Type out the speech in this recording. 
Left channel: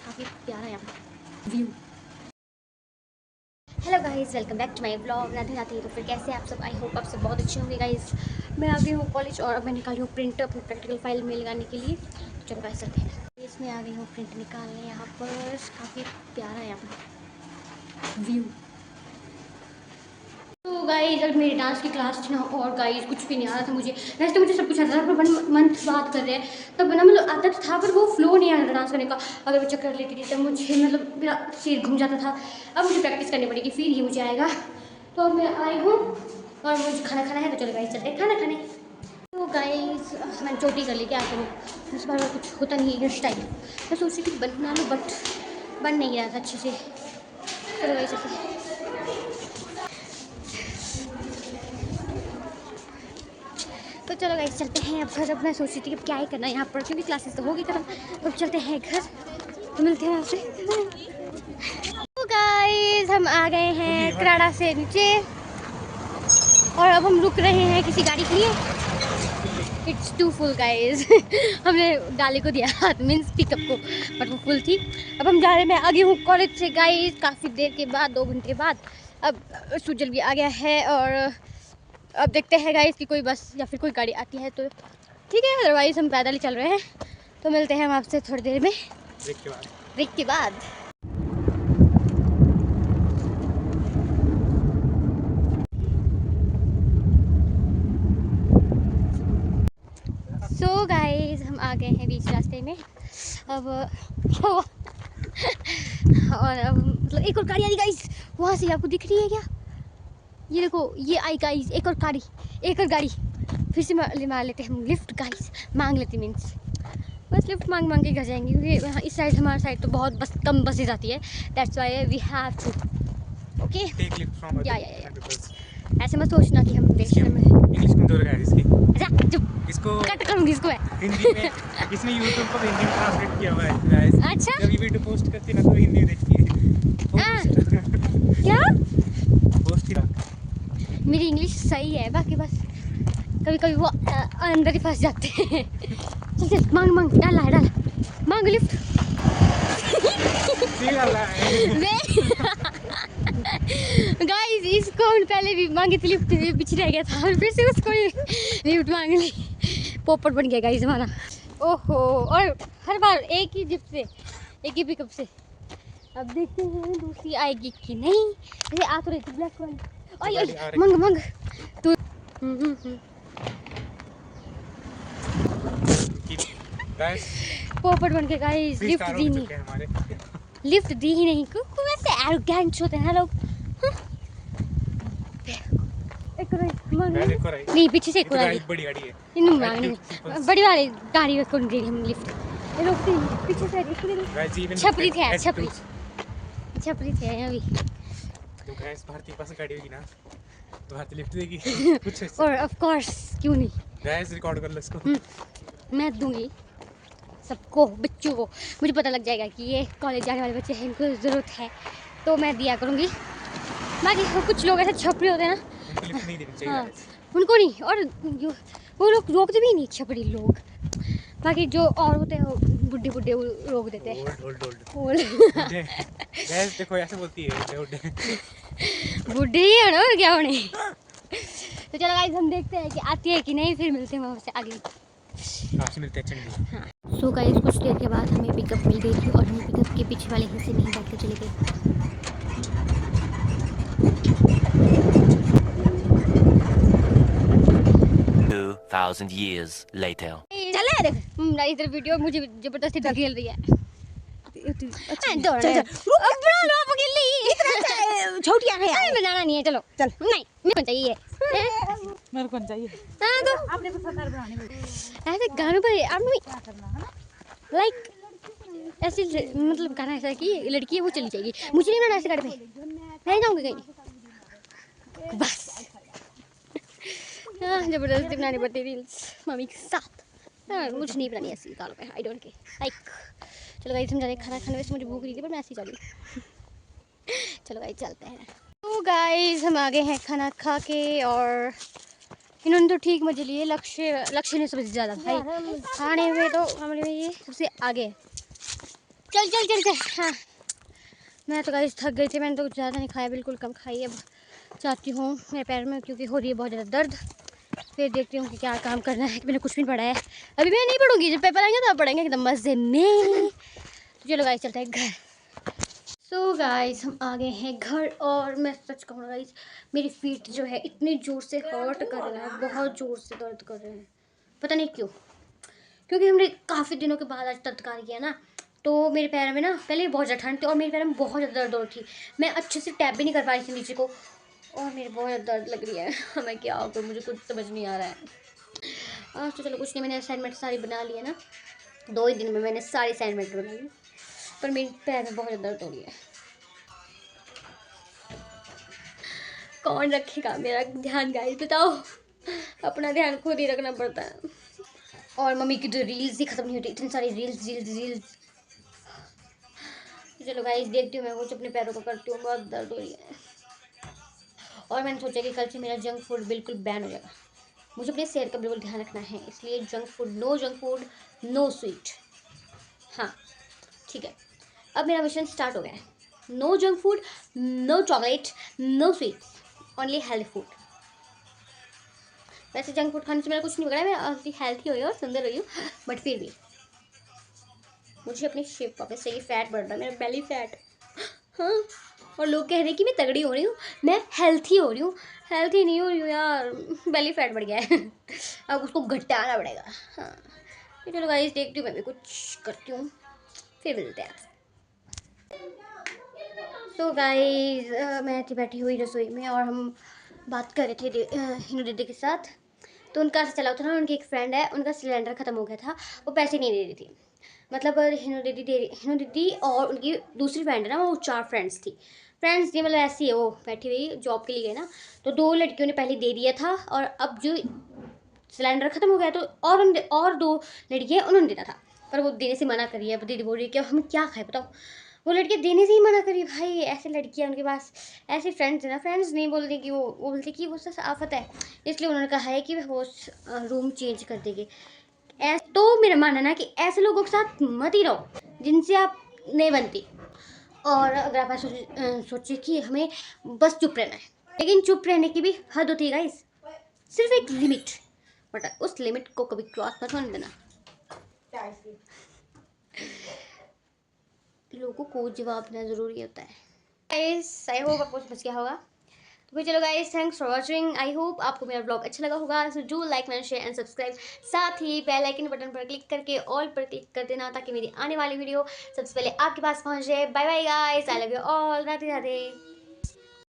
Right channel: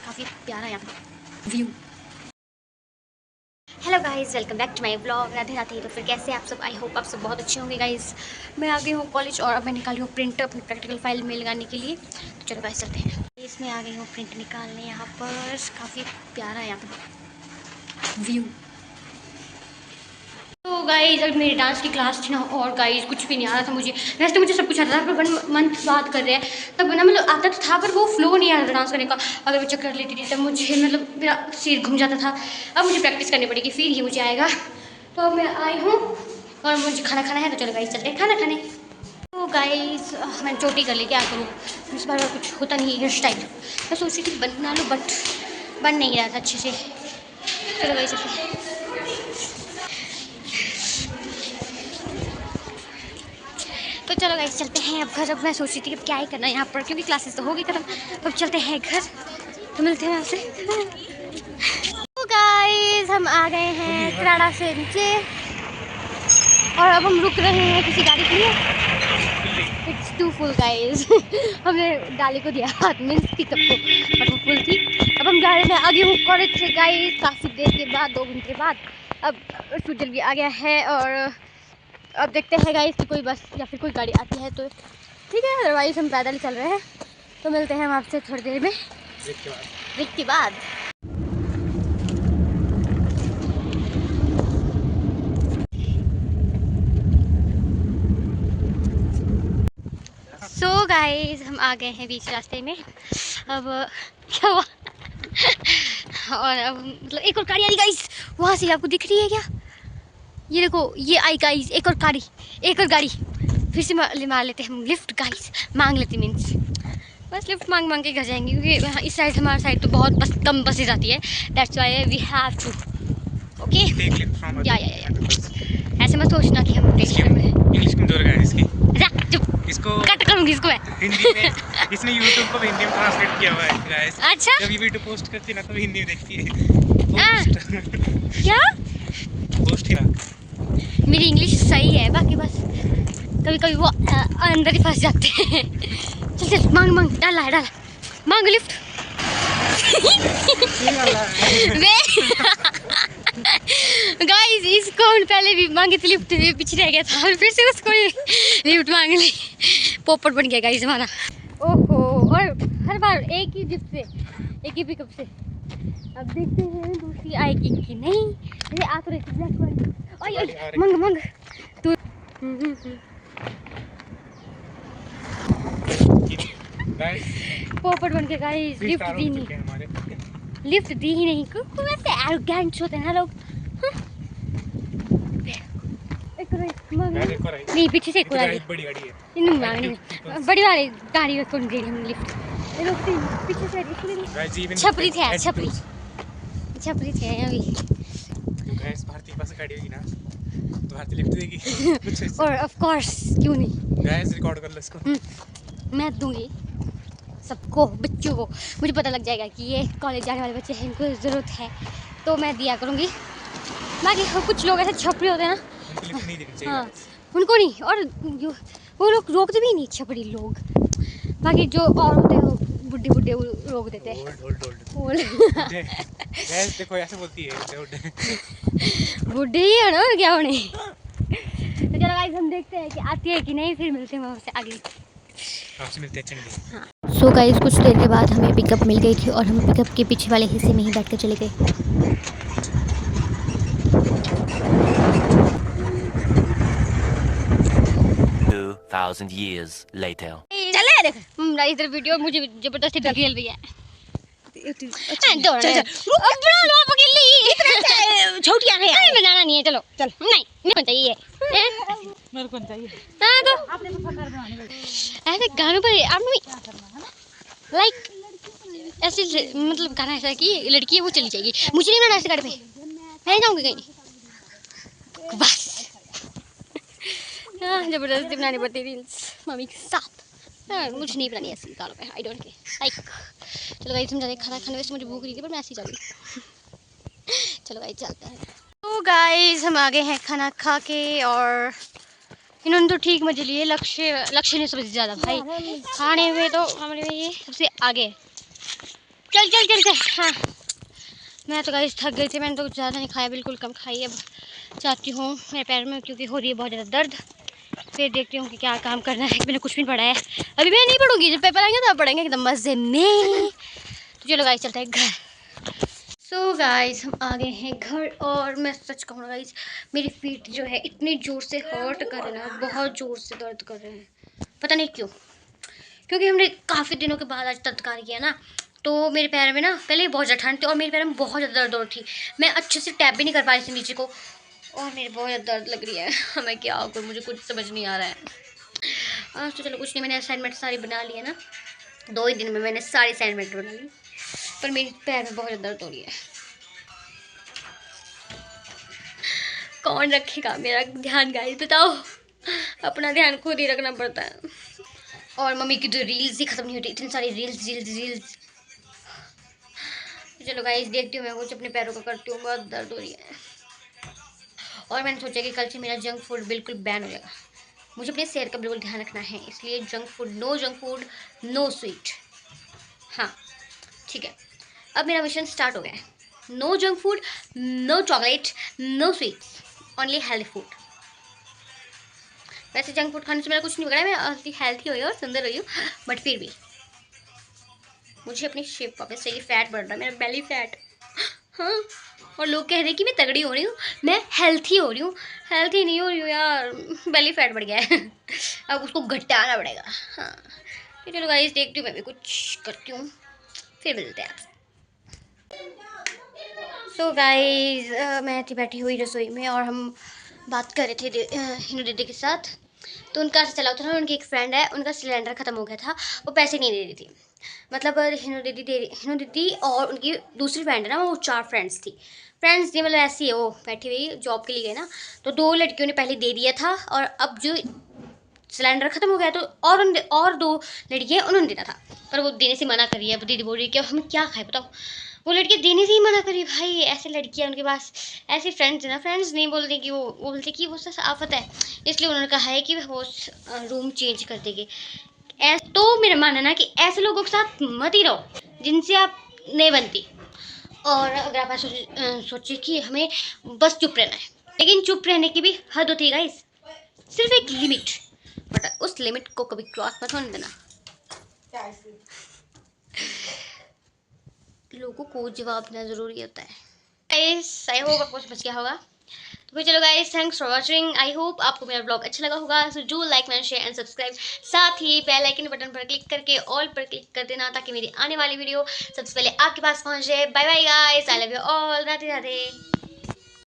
काफ़ी प्यारा यहाँ view. Hello guys, welcome back to my vlog. Radhe Radhe. तो फिर कैसे आप सब? आई होप आप सब बहुत अच्छे होंगे गाइस। मैं आ गई हूँ कॉलेज और अब मैं निकाली हूँ प्रिंट अपनी प्रैक्टिकल फाइल में लगाने के लिए। तो चलो गाइस चलते हैं। इसमें आ गई हूँ प्रिंट निकालने। यहाँ पर काफ़ी प्यारा है यहाँ पर व्यू। तो गाइस अब मेरी डांस की क्लास थी ना, और गाइस कुछ भी नहीं आ रहा था मुझे। वैसे तो मुझे सब कुछ आता था, पर 1 मंथ बाद कर रहे हैं तब ना, मतलब आता तो था पर वो फ्लो नहीं आ रहा था डांस करने का। अगर मैं चक्कर लेती थी तब मुझे मतलब मेरा सिर घूम जाता था। अब मुझे प्रैक्टिस करनी पड़ेगी, फिर ही मुझे आएगा। तो अब मैं आई हूँ और मुझे खाना खाना है। तो चलो गाइस चलते हैं खाना खाने। तो गाइस मैंने चोटी कर ली, क्या करूँ इस बार कुछ होता नहीं हेयर स्टाइल। मैं सोच रही थी बना लूँ बट बन नहीं रहा था अच्छे से। चलो गाइस चलते हैं। तो चलो गाइस चलते हैं अब घर। अब मैं सोच रही थी अब क्या ही करना है यहाँ पर, क्योंकि क्लासेस तो हो गई खत्म। तो अब चलते हैं घर, तो मिलते हैं आपसे। तो गाइस हम आ गए हैं किराड़ा से नीचे और अब हम रुक रहे हैं किसी गाड़ी के लिए। It's too full guys. हमने गाड़ी को दिया हाथ, मीन्स पिकअप को, बट वो फुल थी। अब हम जा रहे हैं, मैं आ गई हूँ कॉलेज से गाइस काफ़ी देर के बाद, 2 घंटे बाद। अब सुजल भी आ गया है और अब देखते हैं गाइस कि कोई बस या फिर कोई गाड़ी आती है तो ठीक है, अदरवाइज हम पैदल ही चल रहे हैं। तो मिलते हैं हम आपसे थोड़ी देर में, ब्रेक के बाद। सो गाइस हम आ गए हैं बीच रास्ते में। अब क्या हुआ? और अब मतलब एक और गाड़ी आ रही गाइस, वहाँ से आपको दिख रही है क्या? ये देखो, ये आई गाइस, एक और गाड़ी, एक और गाड़ी। फिर से मार लेते हैं हम लिफ्ट गाइस, मांग लेते मीन्स बस लिफ्ट मांग मांग के घर जाएंगे, क्योंकि इस साइड हमारे साइड तो बहुत बस कम बसेज आती है। That's why we have to okay या ऐसे मत सोचना कि हम इंग्लिश में जोर है इसकी। चुप, इसको कट करूंगी इसको मैं। हिंदी में, इसने YouTube को हिंदी में ट्रांसलेट किया हुआ है गाइस। अच्छा, जब ये वीडियो पोस्ट करती है ना तो हिंदी में देखती है पोस्ट। क्या पोस्ट ही ना, मेरी इंग्लिश सही है, बाकी बस कभी कभी वो अंदर ही फंस जाते हैं। चल चल मांग मांग, डाला है डाला, मांग लिफ्ट। गाइस इसको हम पहले भी मांगी थी लिफ्ट, पीछे रह गया था और फिर से उसको लिफ्ट मांग ली। पोपट बन गया गाइस हमारा। ओहो, और हर बार एक ही लिफ्ट से, एक ही पिकअप से। अब देखते हैं दूसरी आएगी कि नहीं। ये आ तो रही थी ब्लैक वाली। ओए मंग मंग तू। पोपट बन के गाइस लिफ्ट दी नहीं, लिफ्ट दी ही नहीं। क्यों ऐसे एरोगेंट होते हैं लोग। एक नहीं, पीछे से एक बड़ी गाड़ी है, इन मांगने बड़ी वाली गाड़ी कौन गई हम लिफ्ट। ये लोग पीछे से छपरी थे, छपरी छपरी थे अभी। तो गैस भारतीय पास गाड़ी होगी ना तो भारतीय लिफ्ट देगी। और ऑफ कोर्स क्यों नहीं, गैस रिकॉर्ड कर लो इसको। मैं दूंगी सबको, बच्चों को। मुझे पता लग जाएगा कि ये कॉलेज जाने वाले बच्चे हैं, इनको ज़रूरत है, तो मैं दिया करूँगी। बाकी कुछ लोग ऐसे छपरी होते हैं ना, हाँ उनको नहीं, और वो लोग रोकते भी नहीं छपरी लोग। बाकी जो और होते हैं वो बुढ़े बुढ़े रोक देते हैं। गैस देखो ऐसे बोलती है बुढ़े ही है ना, क्या होने। तो चलो गाइस हम देखते हैं कि आती है कि नहीं, फिर मिलते हैं वहाँ से आगे। आपसे मिलते हैं चंडी। हाँ। सो गाइस कुछ देर के बाद हमें पिकअप मिल गई थी और हम पिकअप के पीछे वाले हिस्से में ही बैठ कर चले गए। 2000 years later. चले देख इधर वीडियो मुझे जबरदस्ती धकेल रही है। छोटियां हैं, अरे बनाना नहीं है, चलो चल। नहीं मेरे को चाहिए, मेरे को चाहिए। हाँ तो आपने तो कर देना ऐसे गानों पर आप लाइक ऐसे मतलब गाना ऐसा कि लड़की है वो चली जाएगी, मुझे नहीं बनाना ऐसे गाने पे, मैं नहीं जाऊँगी कहीं बस। हाँ जबरदस्ती बनानी पड़ती रील्स मम्मी के साथ। हाँ, मुझे नहीं बनानी ऐसी गानों पे, आई डोंट केयर लाइक। चलो गाइस हम जा रहे हैं खाना खाने, वैसे मुझे भूख रही थी पर मैं ऐसे ही जा रही। चलो गाइस चलते हैं। तो गाइस हम आ गए हैं खाना खा के और इन्होंने तो ठीक मजे लिए, लक्ष्य ने सबसे ज़्यादा भाई, खाने में तो हमारे में ये सबसे आगे है। चल चल चल चल। हाँ मैं तो गाइस थक गई थी, मैंने तो ज़्यादा नहीं खाया, बिल्कुल कम खाई। अब चाहती हूँ मेरे पैर में क्योंकि हो रही है बहुत ज़्यादा दर्द, फिर देखती हूँ कि क्या काम करना है। मैंने कुछ भी नहीं पढ़ा है अभी, मैं नहीं पढ़ूंगी, जब पेपर आएंगे तब पढ़ेंगे एकदम मज़े में। तो चलो गाइस चलते हैं घर। सो गाइस हम आ गए हैं घर, और मैं सच कहूँ गाइस मेरी फीट जो है इतनी ज़ोर से हर्ट कर रहे हैं ना, बहुत ज़ोर से दर्द कर रहे हैं, पता नहीं क्यों। क्योंकि हमने काफ़ी दिनों के बाद आज तत्कार किया ना, तो मेरे पैर में ना पहले बहुत ज़्यादा ठंड थी और मेरे पैर में बहुत ज़्यादा दर्द हो रही थी। मैं अच्छे से टैप भी नहीं कर पा रही थी नीचे को, और मेरे बहुत ज़्यादा दर्द लग रही है। मैं क्या करूँ, मुझे कुछ समझ नहीं आ रहा है। आज तो चलो कुछ नहीं, मैंने असाइनमेंट सारी बना ली है ना, 2 ही दिन में मैंने सारी असाइनमेंट बना ली, पर मेरे पैर में बहुत ज़्यादा दर्द हो रही है। कौन रखेगा मेरा ध्यान गाइस, बताओ। अपना ध्यान खुद ही रखना पड़ता है। और मम्मी की तो रील्स ही खत्म नहीं होती, इतनी सारी रील्स रील्स रील्स। चलो गाइस देखती हूँ, मैं कुछ अपने पैरों का करती हूँ, बहुत दर्द हो रही है। और मैंने सोचा कि कल से मेरा जंक फूड बिल्कुल बैन हो जाएगा। मुझे अपनी सेहत का बिल्कुल ध्यान रखना है, इसलिए जंक फूड, नो स्वीट। हाँ ठीक है, अब मेरा मिशन स्टार्ट हो गया है। No junk food, no chocolate, no sweets, only healthy food. वैसे जंक फूड खाने से मेरा कुछ नहीं बिगड़ा, मैं हेल्थी हुई और सुंदर हुई हूँ, बट फिर भी मुझे अपनी शेप वापस चाहिए। फैट बढ़ रहा है, मेरा बेली फैट। हाँ, और लोग कह रहे हैं कि मैं तगड़ी हो रही हूँ, मैं हेल्थी हो रही हूँ। हेल्थी नहीं हो रही हूँ यार, बेली फैट बढ़ गया है। अब उसको घटाना पड़ेगा। हाँ तो चलो गाइस देखती हूँ, मैं भी कुछ करती हूँ, फिर मिलते हैं। सो गाइस मैं थी बैठी हुई रसोई में, और हम बात कर रहे थे हिनू दीदी के साथ। तो उनका ऐसा चला था, उनकी एक फ्रेंड है, उनका सिलेंडर ख़त्म हो गया था, वो पैसे नहीं दे रही थी। मतलब हिनू दीदी और उनकी दूसरी फ्रेंड है ना, वो 4 फ्रेंड्स थी मतलब ऐसी है, वो बैठी हुई जॉब के लिए गई ना, तो 2 लड़कियों ने पहले दे दिया था, और अब जो सिलेंडर ख़त्म हो गया तो और 2 लड़कियाँ उन्होंने देना था, पर वो देने से मना करी है। वो दीदी बोल रही है कि हम क्या खाए बताओ, वो लड़कियाँ देने से ही मना करी। भाई ऐसे लड़कियाँ उनके पास, ऐसी फ्रेंड्स है ना, फ्रेंड्स नहीं बोलती कि वो बोलती कि वो आफत है, इसलिए उन्होंने कहा है कि वो रूम चेंज कर देगी। तो मेरा मानना है ना कि ऐसे लोगों के साथ मत ही रहो जिनसे आप नहीं बनती। और अगर आप सोचिए कि हमें बस चुप रहना है, लेकिन चुप रहने की भी हद होती है गाइस, सिर्फ एक लिमिट, बट उस लिमिट को कभी क्रॉस मत होने देना। लोगों को जवाब देना ज़रूरी होता है। गाइस आई होप आपको समझ गया होगा। तो फिर चलो guys, thanks for watching. I hope आपको मेरा ब्लॉग अच्छा लगा होगा। So do like and share and subscribe. साथ ही बेल आइकन बटन पर क्लिक करके ऑल पर क्लिक कर देना, ताकि मेरी आने वाली वीडियो सबसे पहले आपके पास पहुंच जाए। Bye bye guys, I love you all, Radhe Radhe.